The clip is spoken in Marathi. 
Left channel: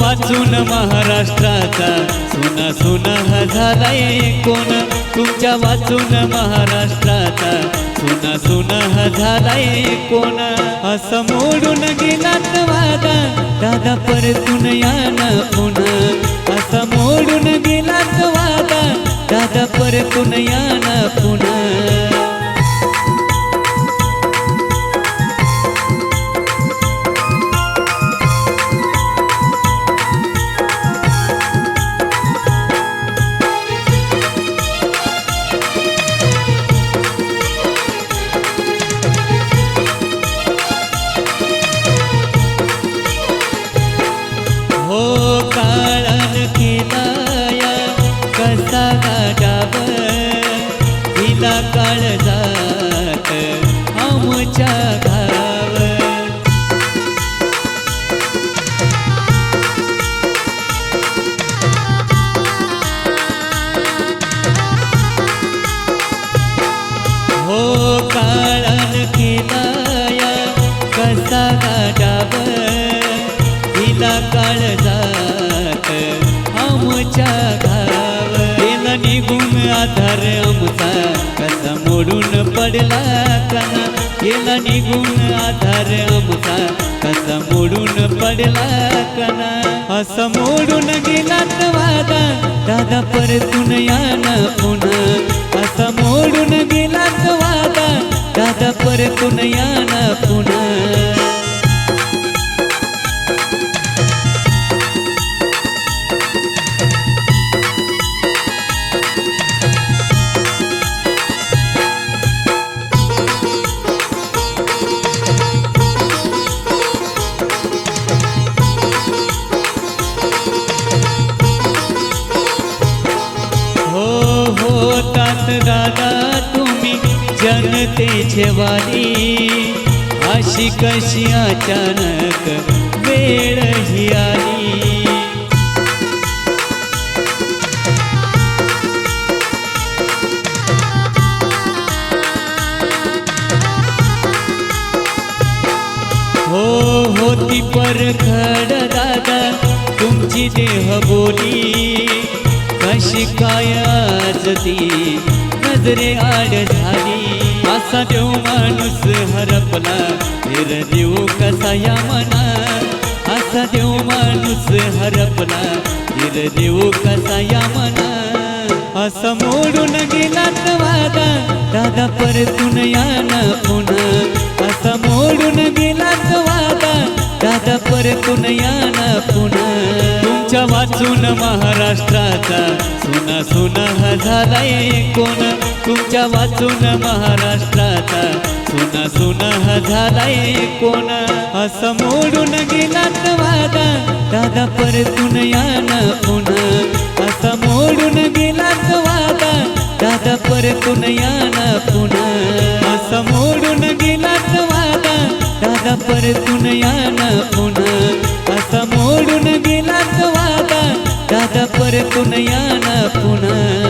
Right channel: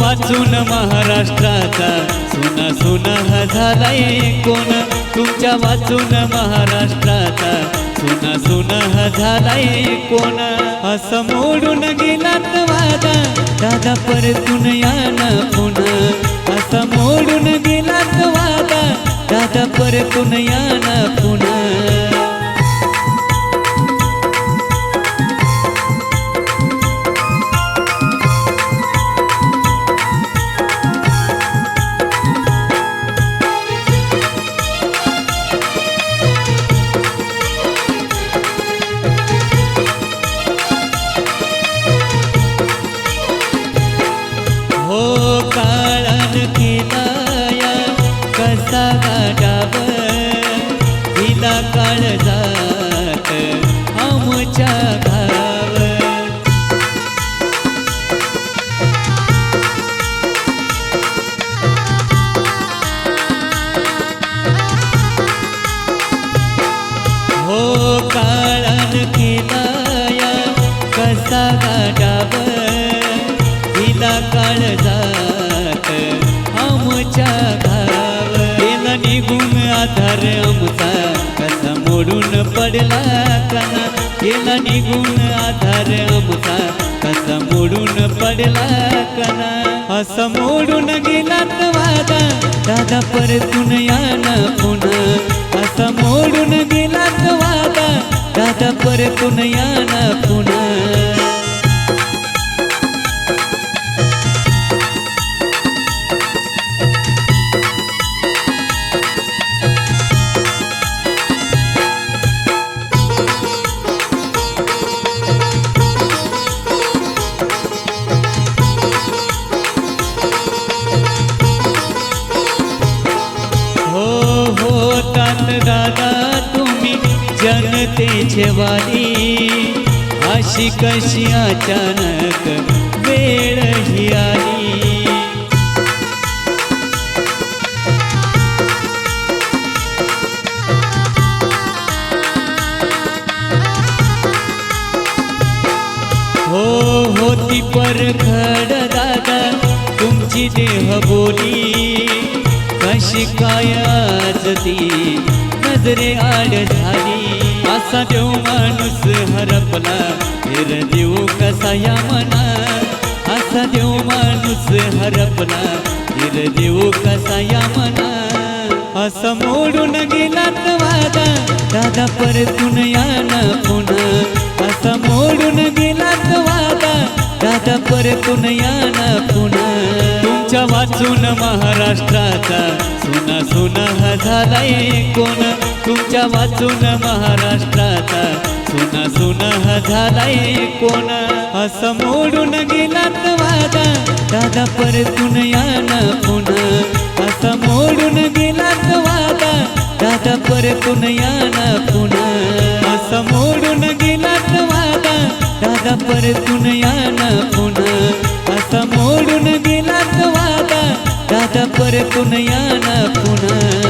वाचून महाराष्ट्राचा सुना सुना हा झालाय कोण, तुमच्या वाचून महाराष्ट्राचा सुना सुना हा झालाय कोण। असं मोडून गेलात वादा दादा परतून या ना पुन्हा, असं मोडून गेलात वादा दादा परतून या ना पुन्हा। हो काळान केलाया कसा गाडाव, हिला काळजात आमच्या घाव। हो काळान केलाया कसा गाडाव, हिला काळजात आमच्या घाव। गेला निघून आधार आमचा कसा मोडून पडला कना, गेला निघून आधार आमचा कसा मोडून पडला कना। असं मोडून गेलात वादा दादा परतून या ना पुन्हा, असं मोडून गेलात वादा दादा परतून या ना पुन्हा। हो तात दादा तुम्ही जनतेचे वाली, अशी कशी अचानक वेळ ही आली। हो होती परखड दादा तुमची देह बोली, कशी काय आज ती नजरे आड झाली। असा देव माणूस हरपला फिर देव कसा या मना, असा देव माणूस हरपला फिर देव कसा या मना। असं मोडून गेलात वादा दादा परतून या ना पुन्हा, असं मोडून गेलात वादा दादा परतून या ना पुन्हा। तुमच्या वाचून महाराष्ट्राचा सुना सुना हा झालाय कोण, तुमच्या वाचून महाराष्ट्राचा सुना सुना हा झालाय कोण। असं मोडून गेलात वादा दादा परतून या ना पुन्हा, असं मोडून गेलात वादा दादा परतून या ना पुन्हा। असं मोडून गेलात वादा दादा परतून या ना पुन्हा, असं मोडून गेलात वादा दादा परतून या ना पुन्हा।